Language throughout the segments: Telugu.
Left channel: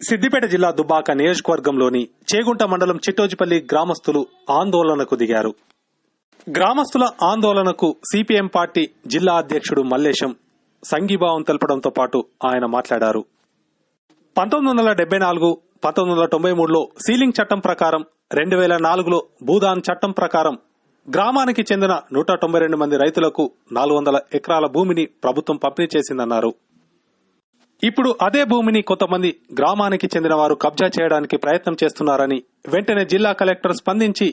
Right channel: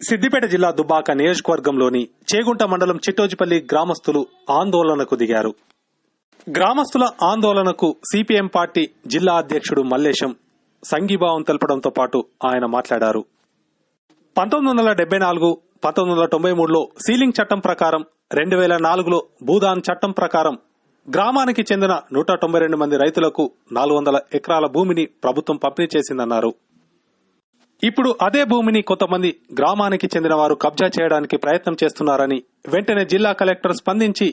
సిద్దిపేట జిల్లా దుబ్బాక నియోజకవర్గంలోని చేగుంట మండలం చిట్టోజిపల్లి గ్రామస్తులు ఆందోళనకు దిగారు. గ్రామస్తుల ఆందోళనకు సిపిఎం పార్టీ జిల్లా అధ్యక్షుడు మల్లేశం సంఘీభావం తెలపడంతో పాటు ఆయన మాట్లాడారు. పంతొమ్మిది వందల డెబ్బై నాలుగు పంతొమ్మిది వందల తొంభై మూడులో సీలింగ్ చట్టం ప్రకారం రెండు వేల నాలుగులో భూదాన్ చట్టం ప్రకారం గ్రామానికి చెందిన నూట తొంభై రెండు మంది రైతులకు నాలుగు వందల ఎకరాల భూమిని ప్రభుత్వం పంపిణీ చేసిందన్నారు. ఇప్పుడు అదే భూమిని కొంతమంది గ్రామానికి చెందిన వారు కబ్జా చేయడానికి ప్రయత్నం చేస్తున్నారని వెంటనే జిల్లా కలెక్టర్ స్పందించి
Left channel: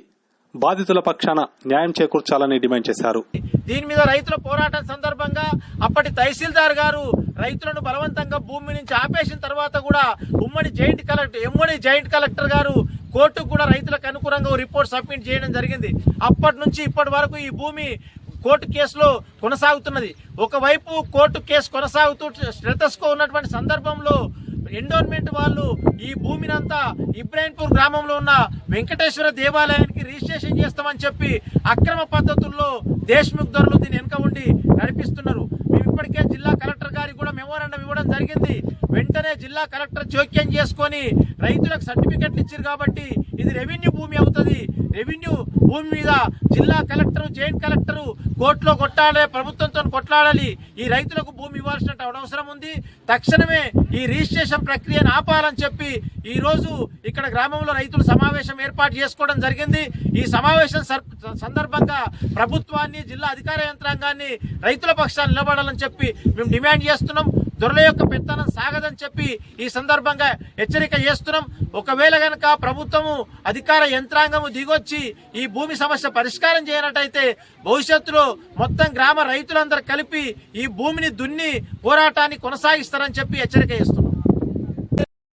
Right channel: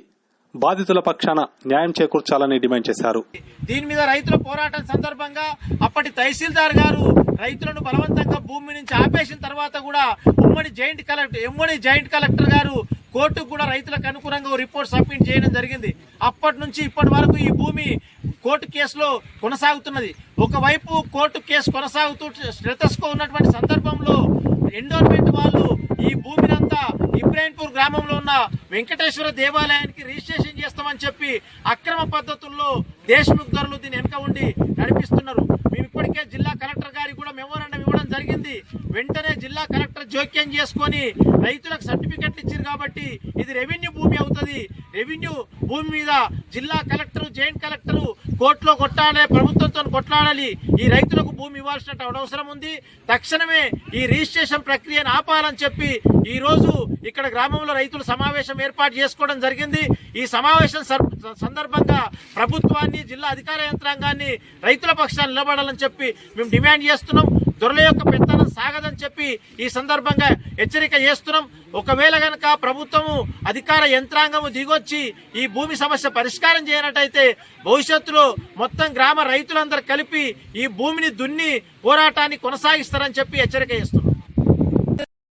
బాధితుల పక్షాన న్యాయం చేకూర్చాలని డిమాండ్ చేశారు. దీని మీద రైతుల పోరాటం సందర్భంగా అప్పటి తహసీల్దార్ గారు రైతులను బలవంతంగా భూమి నుంచి ఆపేసిన తర్వాత కూడా ఉమ్మడి జాయింట్ కలెక్టర్ ఉమ్మడి జాయింట్ కలెక్టర్ గారు కోర్టుకు కూడా రైతులకు అనుకూలంగా రిపోర్ట్ సబ్మిట్ చేయడం జరిగింది. అప్పటి నుంచి ఇప్పటి వరకు ఈ భూమి కోర్టు కేసులో కొనసాగుతున్నది. ఒకవైపు కోర్టు కేసు కొనసాగుతూ స్టేటస్కో ఉన్నటువంటి సందర్భంలో ఎండోర్మెంట్ వాళ్ళు ఈ భూమినంతా ఇబ్రాహింపూర్ గ్రామంలో ఉన్న వెంకటేశ్వర దేవాలయానికి రిజిస్ట్రేషన్ చేస్తామని చెప్పి అక్రమ పద్ధతుల్లో దేశముఖ్ ధరలు దీని వెనుక ఉండి నడిపిస్తున్నారు. మేము ఇప్పటికే జిల్లా కలెక్టర్ గారికి కూడా మెమోరాండం ఇవ్వడం జరిగింది. వెంటనే జిల్లా కలెక్టర్ జోక్యం చేసుకొని రైతులకు సర్టిఫికెట్లు ఇచ్చారు కాబట్టి ఇది రెవెన్యూ భూమి అవుతుంది. రెవెన్యూ భూమి మీద జిల్లా కలెక్టర్ జాయింట్ కలెక్టర్ కోర్టులో కొట్టాలి ప్రభుత్వంతో కొట్లాడాలి. ఈ రైతులకు భూమి ఇవ్వాల్సిన అవసరం ఉంది. తక్షణమే ఈ రిజిస్ట్రేషన్ ప్రక్రియను ఆపాలని చెప్పి ఈరోజు ఇక్కడ గ్రామంలో రైతులు సమావేశం ఏర్పాటు చేసుకోవడం జరిగింది. ఈ సమావేశం సర్- సందర్భంగా ప్రభుత్వాన్ని జిల్లా అధికార యంత్రాంగాన్ని రైతుల పక్షాన్ని నిలబడాలని చెప్పి మేము డిమాండ్ చేస్తున్నాం. దొరల యొక్క పెత్తనం సాగదని చెప్పి ఈ సందర్భంగా హెచ్చరిక చేస్తున్నాం. ఒకవేళ గనక ప్రభుత్వము అధికార యంత్రాంగము దిగొచ్చి ఈ భూమి సమస్య పరిష్కారం చేయనట్టయితే భవిష్యత్తులో మొత్తం గ్రామ రైతులందరూ కలిపి ఈ భూమిని దున్ని పోరాటాన్ని కొనసాగిస్తారని చెప్పి హెచ్చరిక చేస్తున్నాం.